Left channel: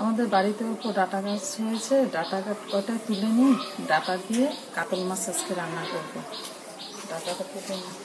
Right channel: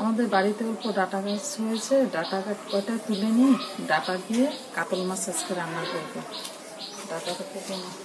আমাদের বাড়িতে উপর ডাটা গাছ হয়েছে, ডাটা কয়টা তুলে নিয়ে ডাটা দিয়ে কাতল মাছ আজকে রান্না করবো। ডাটাটা তুলে নিই।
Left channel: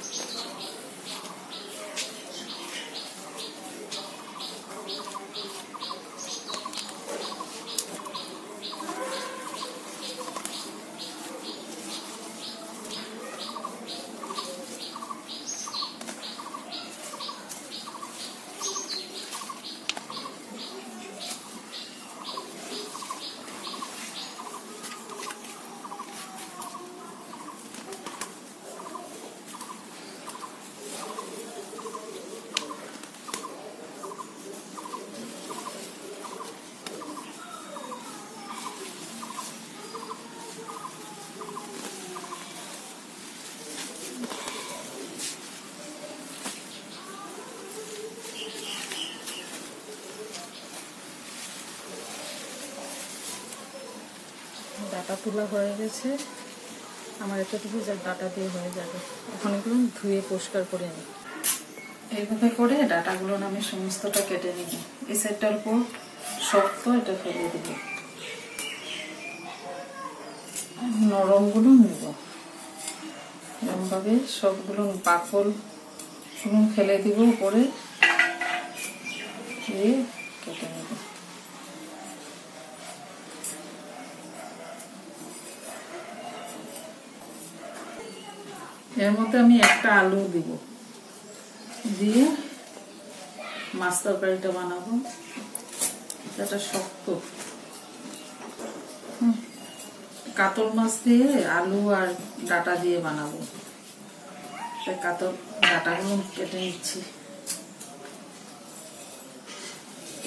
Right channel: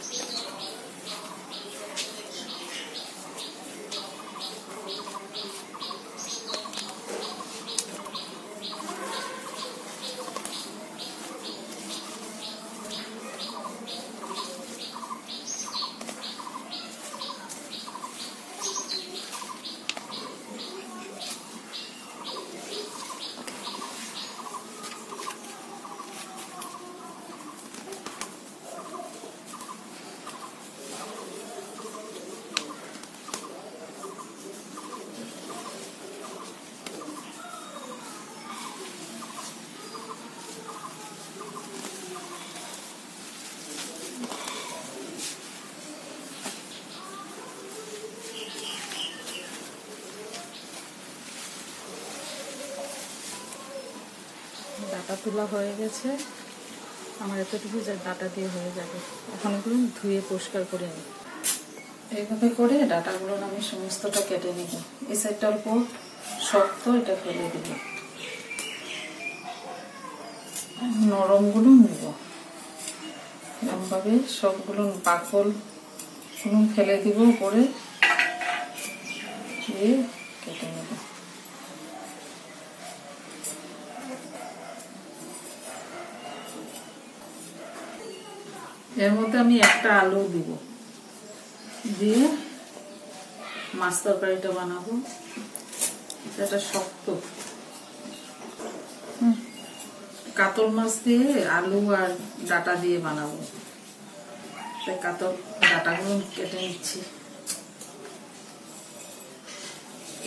ডাটা তোলা হয়ে গেছে আমার, এতটুকু ডাটা দিয়ে হয়ে যাবে। এখন এগুলো ধুয়ে পরিষ্কার করে নিই। এইভাবে করে ডাটাগুলো আমি সমস্তটা কেটে নিব। এই সাইডটা অল্প শক্ত, এটা ফেলে দিব। নরমগুলো নিব, এরকমভাবে সবগুলো বাকল ফেলে দিব, উপরে দিয়ে কেটে নেব। এর মধ্যে আমি একটা আলু দিব, দিয়ে মাছ তরকারিটা বানাবো। এটা শক্ত কাতল মাছ দিয়ে আলু আর ডাটা দিয়ে বানাবো। তাই কাতল ডাটাগুলো কেটে নিচ্ছি।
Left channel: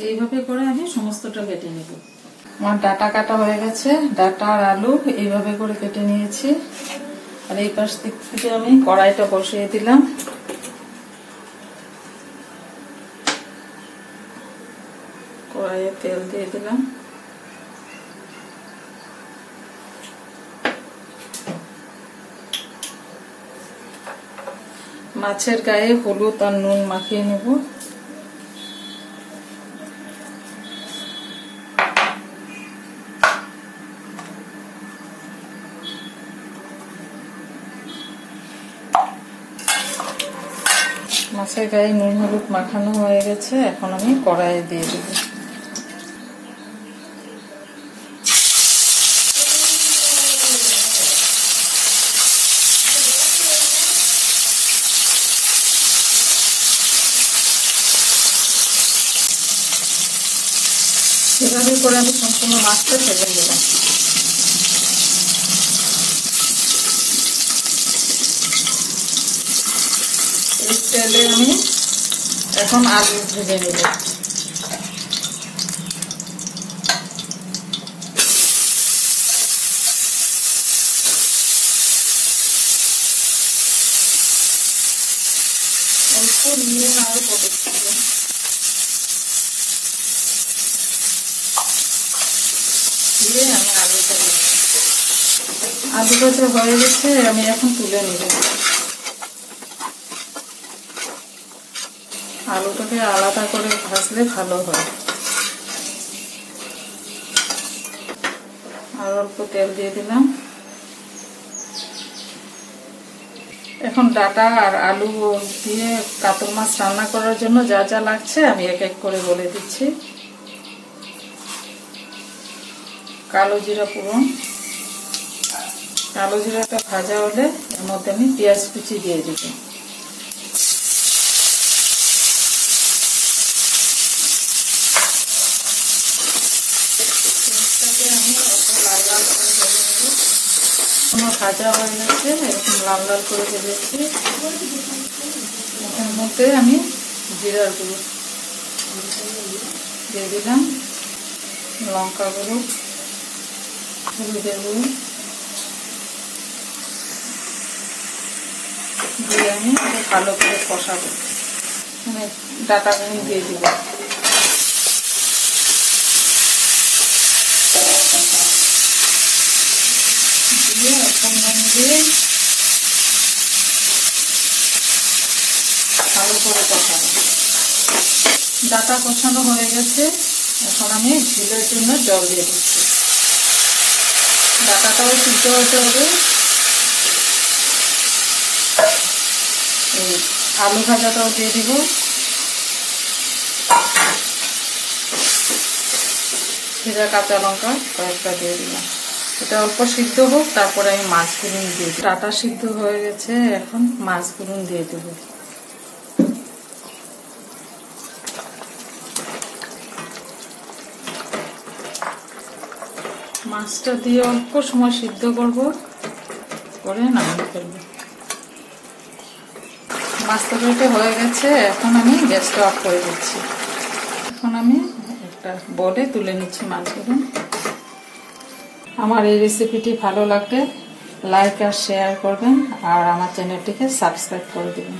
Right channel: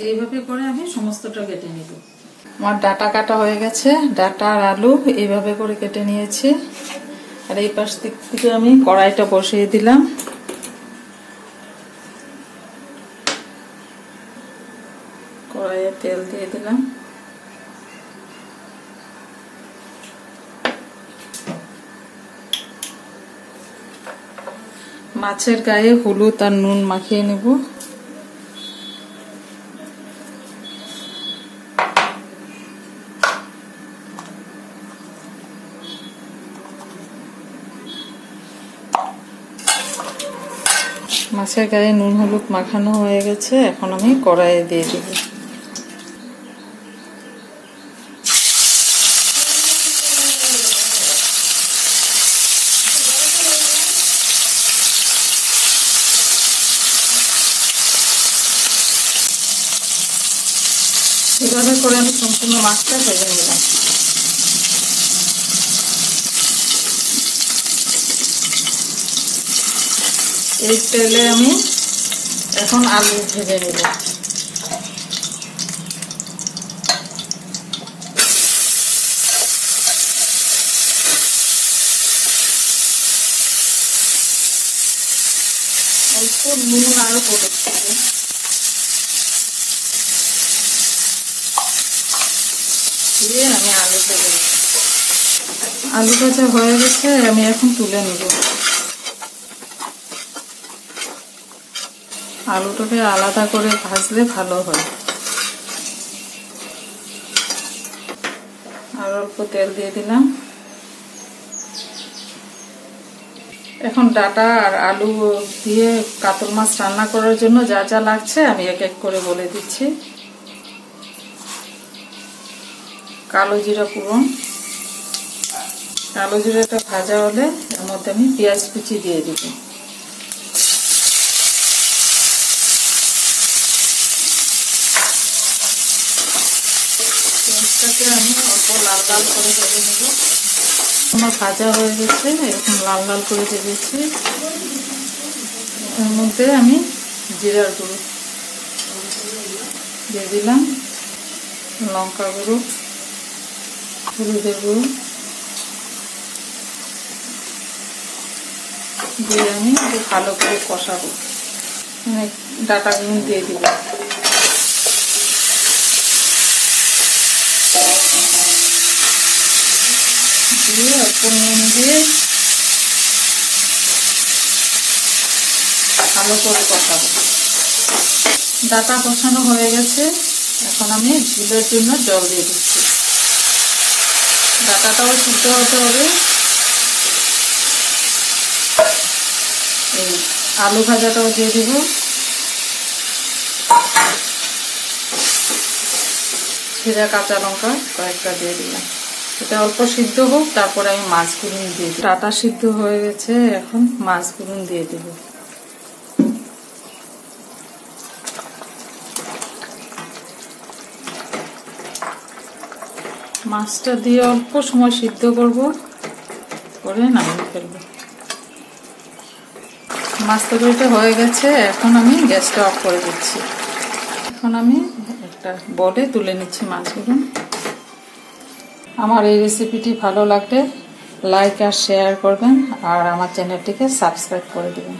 এইভাবে করে আমি সমস্তটা কেটে নিব। আমার ডাটা কাটা হয়ে গেছে, ডাটা আর আলু এইভাবে করে কেটে নিয়েছি। আর এই পাশ দিক থেকে আমি কড়াইটা বসিয়ে দিলাম। কড়াইয়ে তেল দিয়ে দিলাম। মাছের গায়ে হলুদ আর নুন মাখিয়ে নেব। মাছের গায়ে নুন হলুদ মাখানো হয়ে গেছে, এখন আমি কড়াইয়ে দিয়ে দেব। এভাবে করে আমি সম্পূর্ণ মাছটা ভেজে নিলাম। এই তেলে আমি এখন আলু ভেজে নেব। অল্প নুন আরো পড়েছিল, দিয়ে আমি আলুটা দেব। আলুটা হয়ে গেছে, আমি এখন তুলে নেব। আলুটাকে আলাদা করে ভাজলে ভালো হয়। আর অল্প তেল দিয়ে দিলাম। এখন ডাটা আর আলু দিয়ে কাতল মাছ রান্না করার জন্য যা যা লাগছে আমি এক এক করে বলে দিচ্ছি। কালো জিরা ফোড়ন, কালো জিরাটা ভাজা হলে এর মধ্যে আমি পেঁয়াজ কুচি দিয়ে দিব। পেঁয়াজটাকে আমি অল্প লাল লাল করে ভেজে নেব। আমার ভাজা হয়ে গেছে, এরকম লাল লাল করে ভেজেছি। এর মধ্যে আমি জিরার গুঁড়ো দিয়ে দিলাম, লঙ্কা গুঁড়ো, হলুদের গুঁড়ো দিয়ে আমি ভালো করে কষাবো। ডাটাগুলো দিয়ে দিব। দিয়ে একটু নুন দিয়ে ভালো করে কষাবো। ডাটা কষানো হয়ে গেছে, এখন আমি ঝোলের জন্য জল দিয়ে দিচ্ছি। ডাটাটাও সিদ্ধ হতে হবে। এই আলু ভাজাটাও দিয়ে দিব। জিরা কাঁচা লঙ্কা কয়েকটা দিয়ে দিলাম। এটা অল্প সিদ্ধ হোক, তারপরে আমি মাছগুলো দিয়ে দিই। ডাটা সিদ্ধ হয়ে গেছে, এখন মাছগুলো দিয়ে দিব। মাছটা দিয়ে অল্প সময় সিদ্ধ করব, করে নামিয়ে ফেলবো। মাছ তরকারিটা হয়ে গেছে, এখন আমি গ্যাসটা অফ করে দিচ্ছি। এখন আমি একটা বলে তুলে নিচ্ছি মাছগুলো। আমার এই রেসিপিটি ভালো লাগলে লাইক আর শেয়ার করবেন, আর আমার চ্যানেলটিকে সাবস্ক্রাইব করে দেবেন।